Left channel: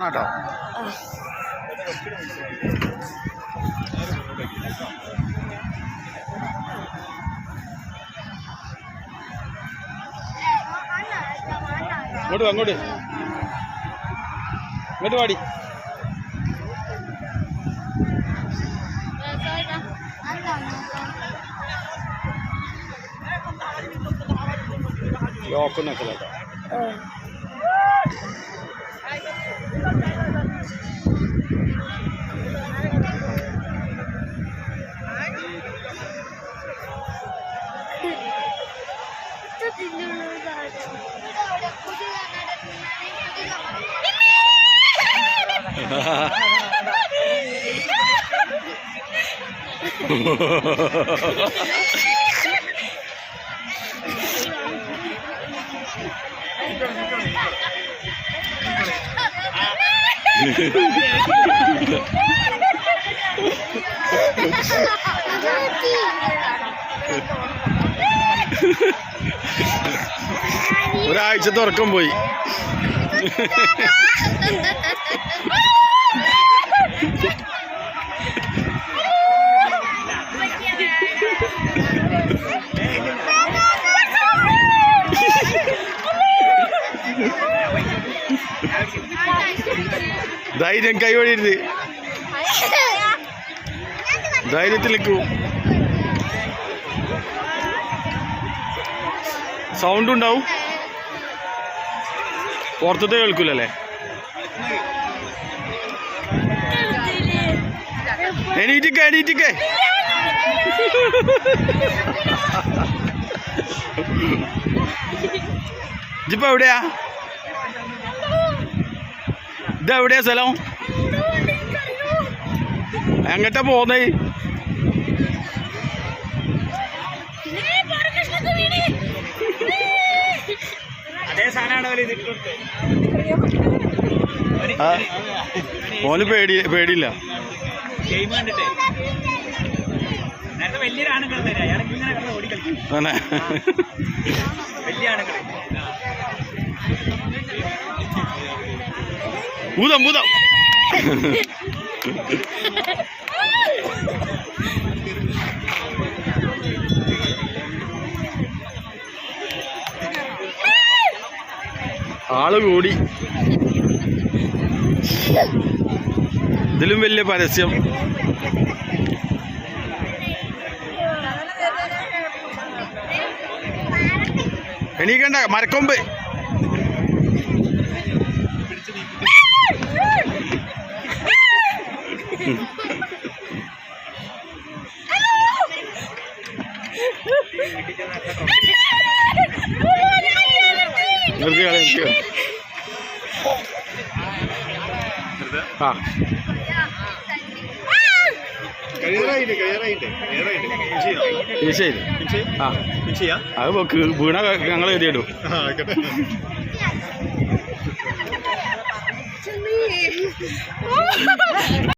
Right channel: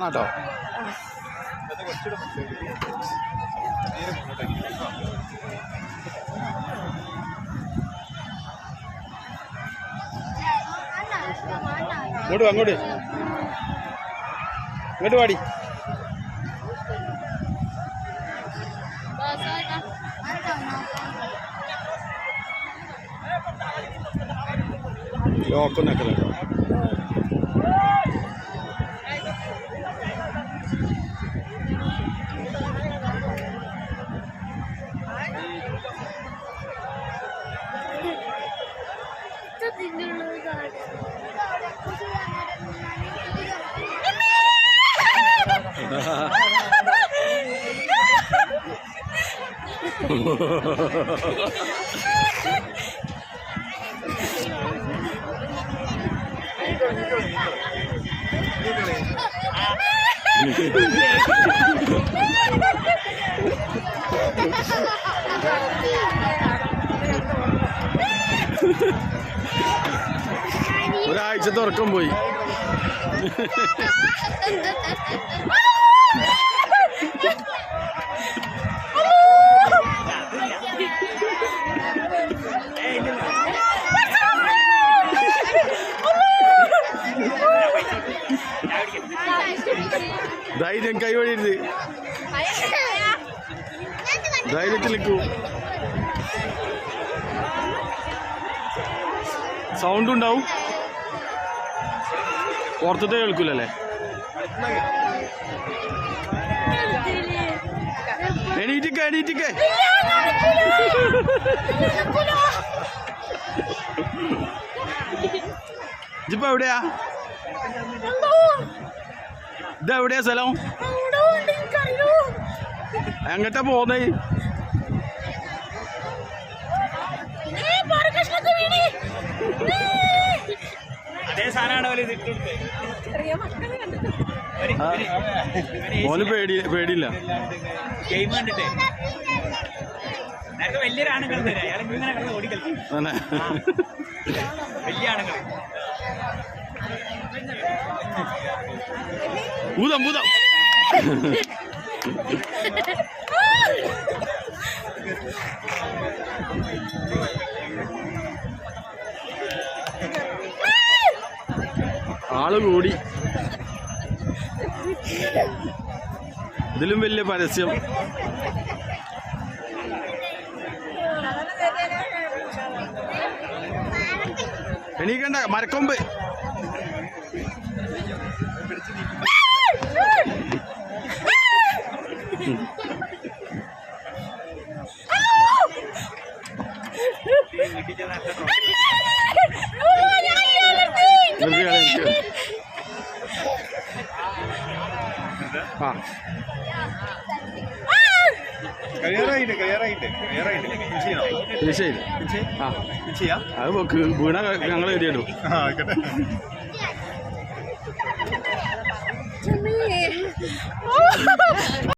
കേട്ടോ. അങ്ങോട്ട് പാടി. ലോക്കൊന്നൊക്കെ ഒരാഴ്ച തുറക്കം പോയി. ധൈര്യം കൈവഴിരുത്, ധൈര്യത്തിലേക്കു. സൗണ്ട് ഉണ്ടാവും, പുറത്തത്തെ കേൾക്കൂലല്ലേ. എണീറ്റിക്കേ എണീറ്റിക്കേ. ഇപ്പൊ എവിടെയാ? ഇതെവിടെയാ സ്ഥലം? എങ്ങട്ടാ പോന്നേ? ഓന് പേടിയില്ല. വലിയൊരാണുങ്ങൾ അയാൾ ഇങ്ങനെ കിടന്ന് ഓടി കളിക്കും. വലിയ ആണുങ്ങൾ ഭൂതം ഭൂതം. ആള് കൂടി. ഇതിലും വലിയ പരസ്യം. എണീക്കണ്ട, മരക്കൊമ്പ്. അത് വീണ ഞങ്ങൾ എഴുതിയിടും.